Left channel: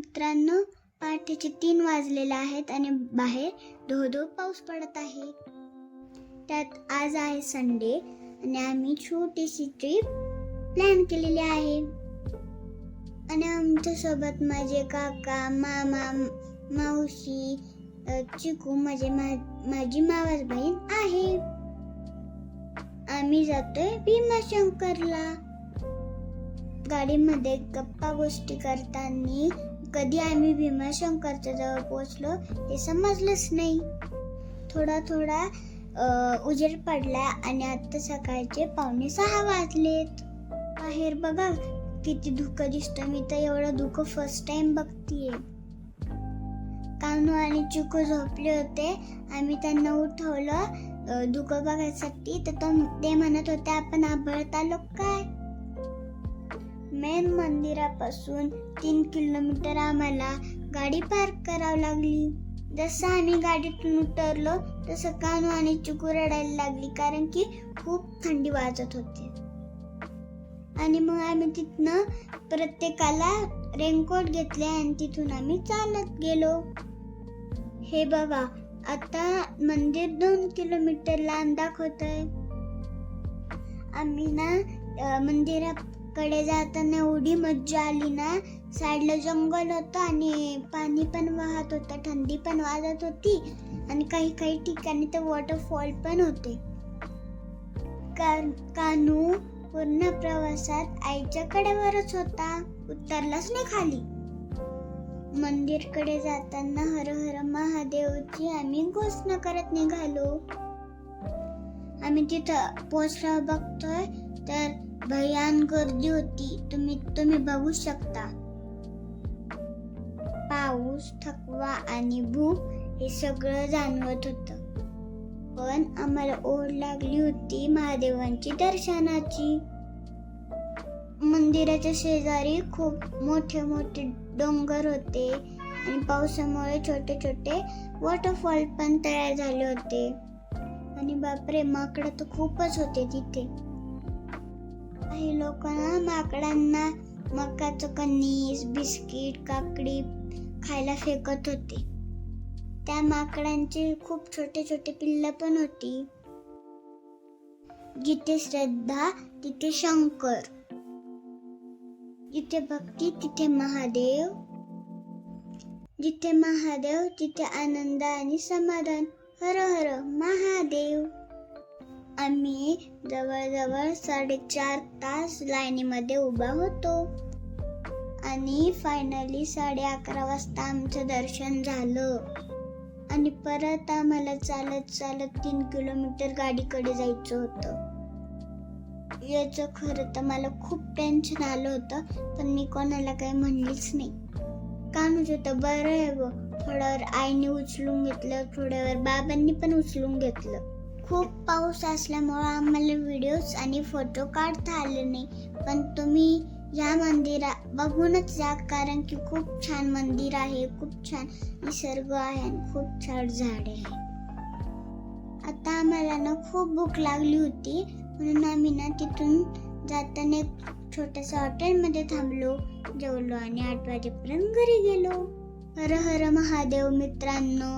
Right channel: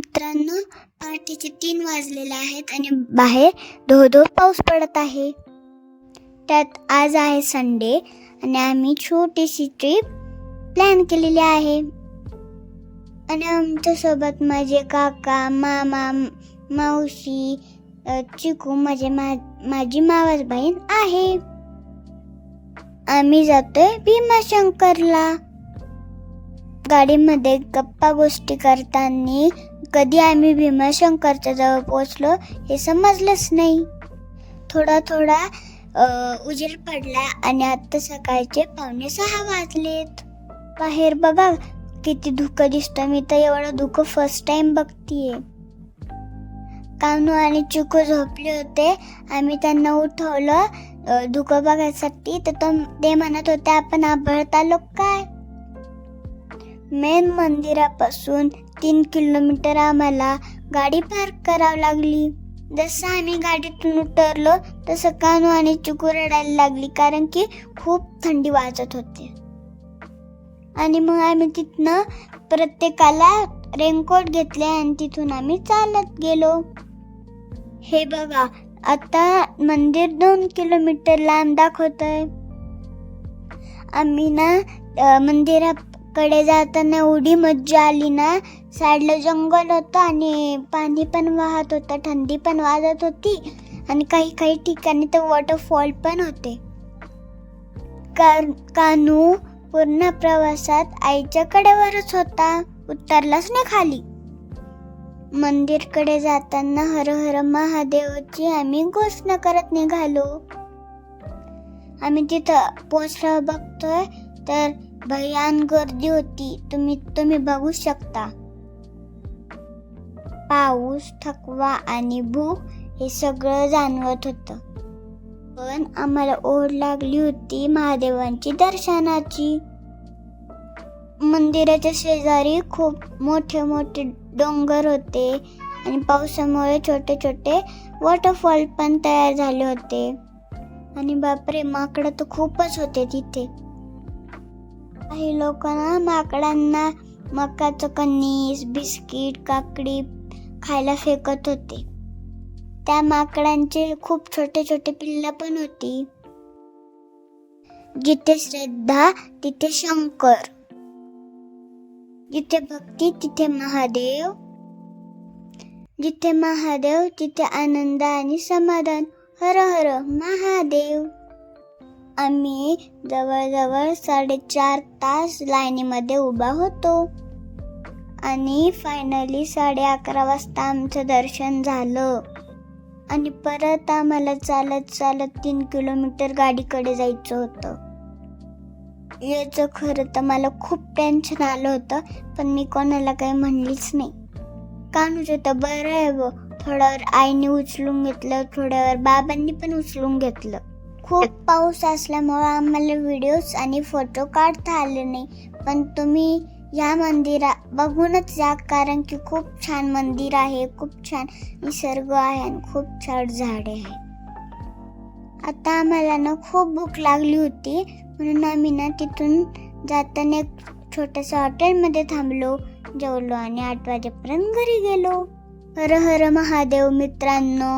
मित्रांनो, पहाटेचे 3 वाजलेले आहेत आणि बाहेर धो-धो पाऊस पडत आहे. त्यात आज आहे संडे आणि आम्ही छोटीशी ट्रिप प्लॅन केलेली आहे. आणि आमच्या सोबत माझे काका, मामा, मावशी, चिकू माझी मावस बहीण आहे. आम्ही जातोय भीमाशंकरला. गाडीमध्ये गप्पा गोष्टी करताना कधी आम्ही भीमाशंकरच्या जवळ पोहोचलो हे समजलंच नाही. थोडा उजेड पडला आणि आता सकाळचे 5:45 वाजलेत. बाहेर बघा किती धुकं दिसतं. मी तर एवढं धुकं फर्स्ट टाइम बघतीये. कानू आणि चिकू झोपले होते. आम्ही त्यांना उठवलं धुकं बघायसाठी. तर ते म्हणत होते आपण आबळत आलो काय. मेन मंदिरापासून 3 किलोमीटर आम्हाला गाडी पार्क करावी लागली. जसं आम्ही गाडीतून उतरलो तसं कानू आणि चिकू रडायला लागली, कारण की खूप थंडी वाजत होती. आणि मग आम्ही तिथनं प्रत्येकाला रेनकोट घेतले आणि तिथून आम्ही चालत गेलो. हे बघा आता मंदिर 2 किलोमीटर लांब दाखवतंय. आम्ही ना मंदिराकडे जाताना एवढी मज्जा आली ना. साईडला जंगल होतं आणि पाणी पण वाहत होतं, थंडी पण वाजत होती आणि काही ठिकाणी तर वॉटरफॉल पण होते. कानू पूर्ण प्रवासात आईच्या कडेवरच होता, उतरलाच नाही खाली. मंदिरकडे जाताना हर हर महादेवची आम्ही घोषणा करत निघालो. आम्ही तिथं पोहोचल्यावर बघतोय तर भयान गर्दी होती. तुम्ही बघू शकता. पाऊस, थकवा आणि भूक हे सगळं जाणवत होतं. पण आम्हाला ओढ लागली होती महादेवांची दर्शनाची. मंदिराच्या शेजारी खूप मोठे मोठे डोंगर होते आणि पावसामुळे छोटे छोटे वॉटरफॉल पण तयार झाले होते. आणि बापरे, माकडं तर खूपच होते तिथे. काही लोकांना माकडांना मकाचं कणीस, बिस्किट, काकडी खायला फेकत होते. त्या माकडांचे खूप छोटे छोटे पिल्लं पण होती. जिथे श्रद्धा तिथे शंकर, जिथे भक्ती तिथे महादेव, जिथे महादेव तिथे आनंद आणि समाधान. हर हर महादेव. आम्ही जवळजवळ 4.5 तास लाईनीमध्ये उभा होतो आणि फायनली 11:30 वाजता आमचं दर्शन झालं. आणि परत आम्हाला चालत 3 किलोमीटर गाडीकडे जायचं होतं. याचं खरं तर मला खूप टेन्शन आलं होतं, पण मी कोणाला काही म्हणलीच नाही. कानूचं तर बरं आहे व. थोड्यावर आईने उचलून घेतलं, थोड्यावर बाबांनी पण उचलून घेतलं. खूप पाऊस असल्यामुळे आम्हाला व्हिडिओज आणि फोटो काढता आले नाही. पण तुम्ही या मंदिरात बघूनच जा, कारण की खूप छान मंदिर आहे, खूप छान निसर्ग आहे आणि खूप छान झाडे आहे. आता आम्हाला ना खूप भूक लागली होती, म्हणून आम्ही ना तिथून जाताना एक छोट्याशा हॉटेलमध्ये थांबलो, जेवलो आणि 8 वाजेपर्यंत घरी गेलो. हर हर महादेव मित्रांनो.